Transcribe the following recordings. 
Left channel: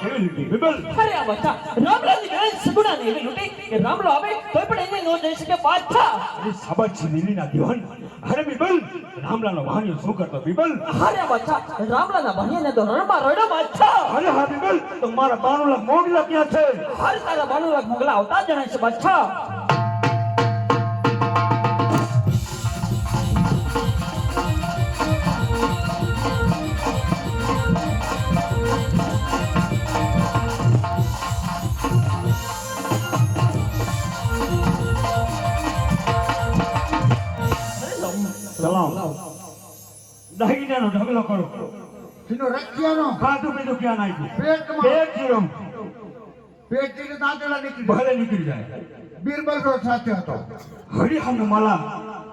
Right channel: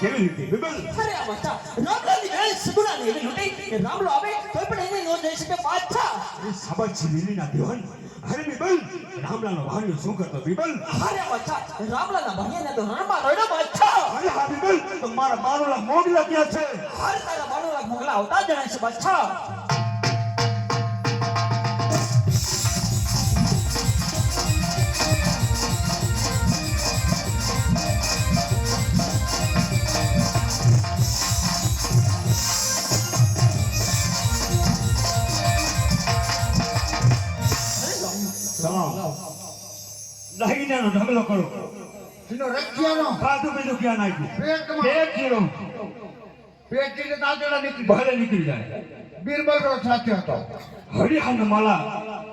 કેવી રીતે બિબલ અરે આ બચ્ચા રામલાની બેન સગુણાની એવી લૂંટી કે રામલો આવે તો પણ એને ન જઈ શકે પાછા. અરે સાબાજી નીલીના દીવાન અરે બિબલ રામલાનો ભાણિયો શું કરતો બિબલ અરે બચ્ચા રામલાના ભાઈને તો રણમાં રડમાં છે. અરે હા બિબલ તો મારા બાણુલા મોગલા ક્યાં છે અરે તારા બાણુલા મોગલા આવતા જણાય છે બચ્ચા. દાહીનાનો ઢગલો કરો સીનો રખિયાનો ખાધું પીધું ક્યાં નાખ્યું પેટમાં પેટ જીરો પેટ જેને દાંતડા નીકળી બહાર નીકળી જાય બીરબલ નો સાથે હતો હરિહન માલા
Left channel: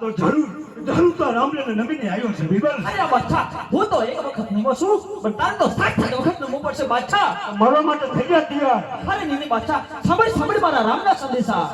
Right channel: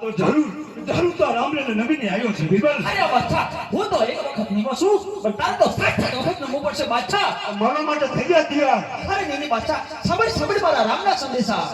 તો જરૂર તો રામલેને નવીને આવ્યો છે બિબલ અરે બચ્ચા હું તો એક વખત નીમો છું પણ તારે તો 60 વખત નમવું પડશે બાદશાહ. મારા માટે થઈ ગયા તૈયાર અરે નીની બાદશાહ સાંભળ મારા રામના સંદેશા.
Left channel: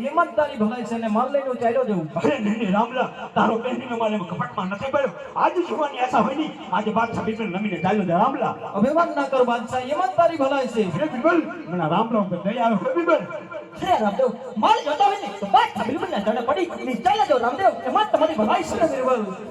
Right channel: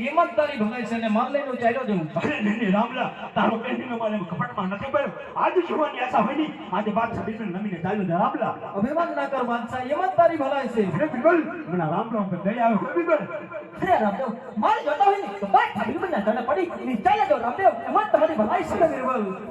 ઈમાનદારી ભલાઈ છે ને માલ લઈને ચાલ્યો જવું. અરે નહીં રામલા તારો બેનનો મારે કપટમાં નથી પડ્યો આજે જોવાની આશા હોય ની આજે બાદ છબીને નમીને ચાલ્યો દે રામલા અભિમાન ના કર બાદશાહ, ઈમાનદારી ભલાઈ છે. અરે બિબલ મને રામલા ઉપર દયા આવે હો બિબલ અરે રામદેવ મારે જતો હોય ને તો બાદ બિલકુલ ના ચડે પડી ને ચાલે જો રામદેવ એમાં તમારી ભલાઈ છે.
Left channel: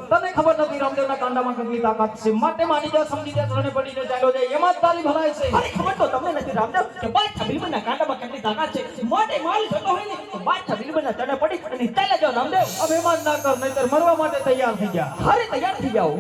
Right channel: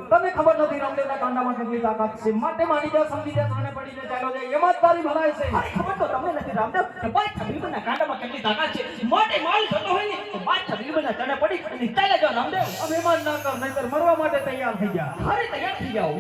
તમને ખબર નથી રામદેવના કાંડામાં કેટલી તાકાત છે. માટે માની જા સમજી જા ત્રણે પડીને ચાલ્યો જાય. ઈમાનદારી ભલાઈ છે. અરે ખબર તો તમને નથી રામદેવ કે બાદ બિલકુલ ના કાંડામાં કેટલી તાકાત છે. માટે માલ જતો હોય ને તો બાદ બિલકુલ ના ચડે પડી ને ચાલે જો રામદેવ. અભિમાન ના કર નહીતર મરવા માટે તૈયાર થઈ જા. અરે તૈયાર થઈ જાઓ.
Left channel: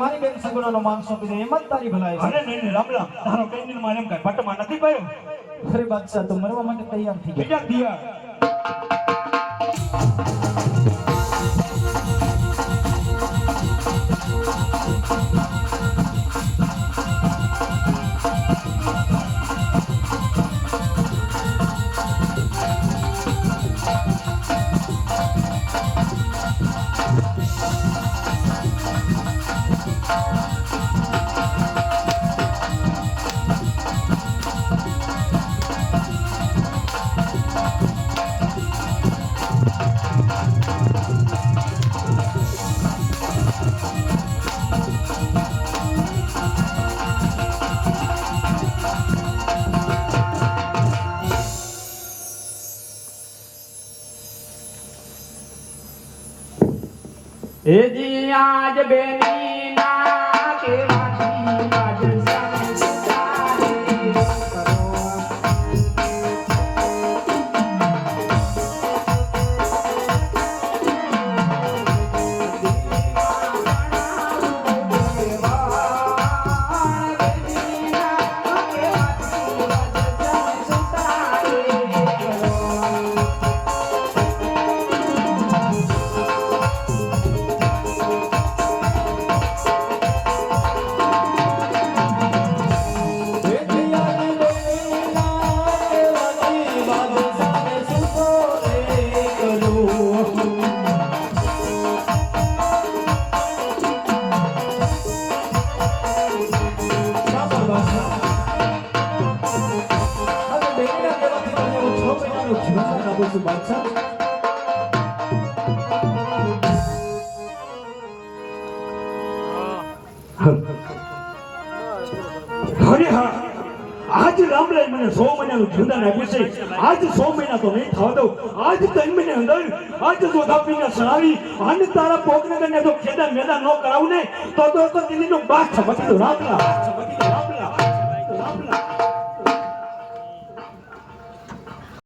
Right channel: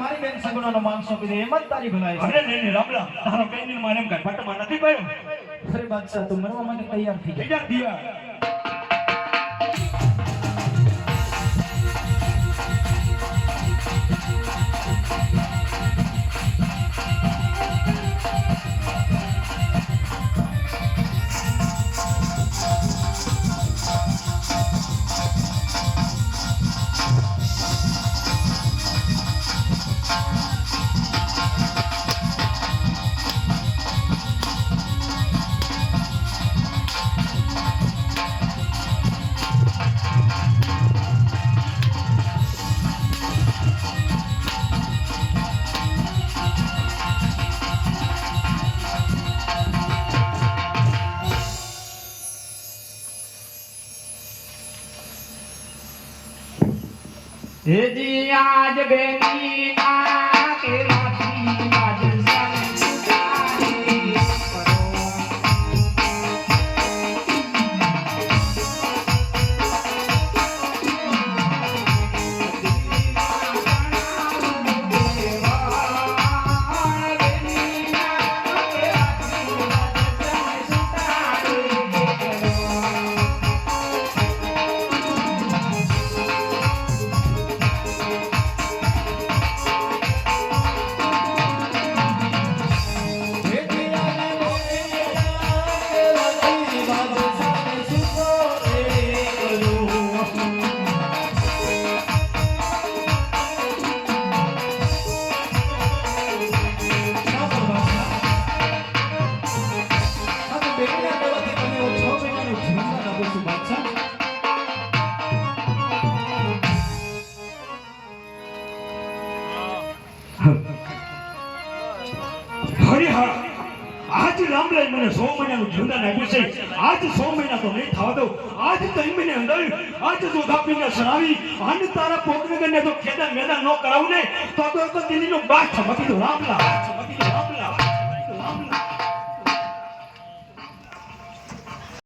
મારી બેન સગુણાનો માન સોંપીને એમ જ તારી ભલાઈ છે. અરે નહીં રામલા તારો કઈ માને કઈ પટમાં નથી પડ્યો. અરે બાદશાહ તું મરવા માટે તૈયાર થઈ જા. તૈયાર થયા. હે જી આજ બેની ના કે માટી આજ સંસારી કરો. અરે હા આજ રામલાલ મને 100 મહિનાનું જીવદાન આપ્યું છે. આજ 100 મહિના તો નહીં થવા દઉં. આજ 3 મહિને અંદર આજ જો દાપીને સણાવી અને તારા પોગનગરને તો ખેદાન મેદાન ન કરાવું ને તો દિલ્હીનો બાદ થવા દો રામલાલ.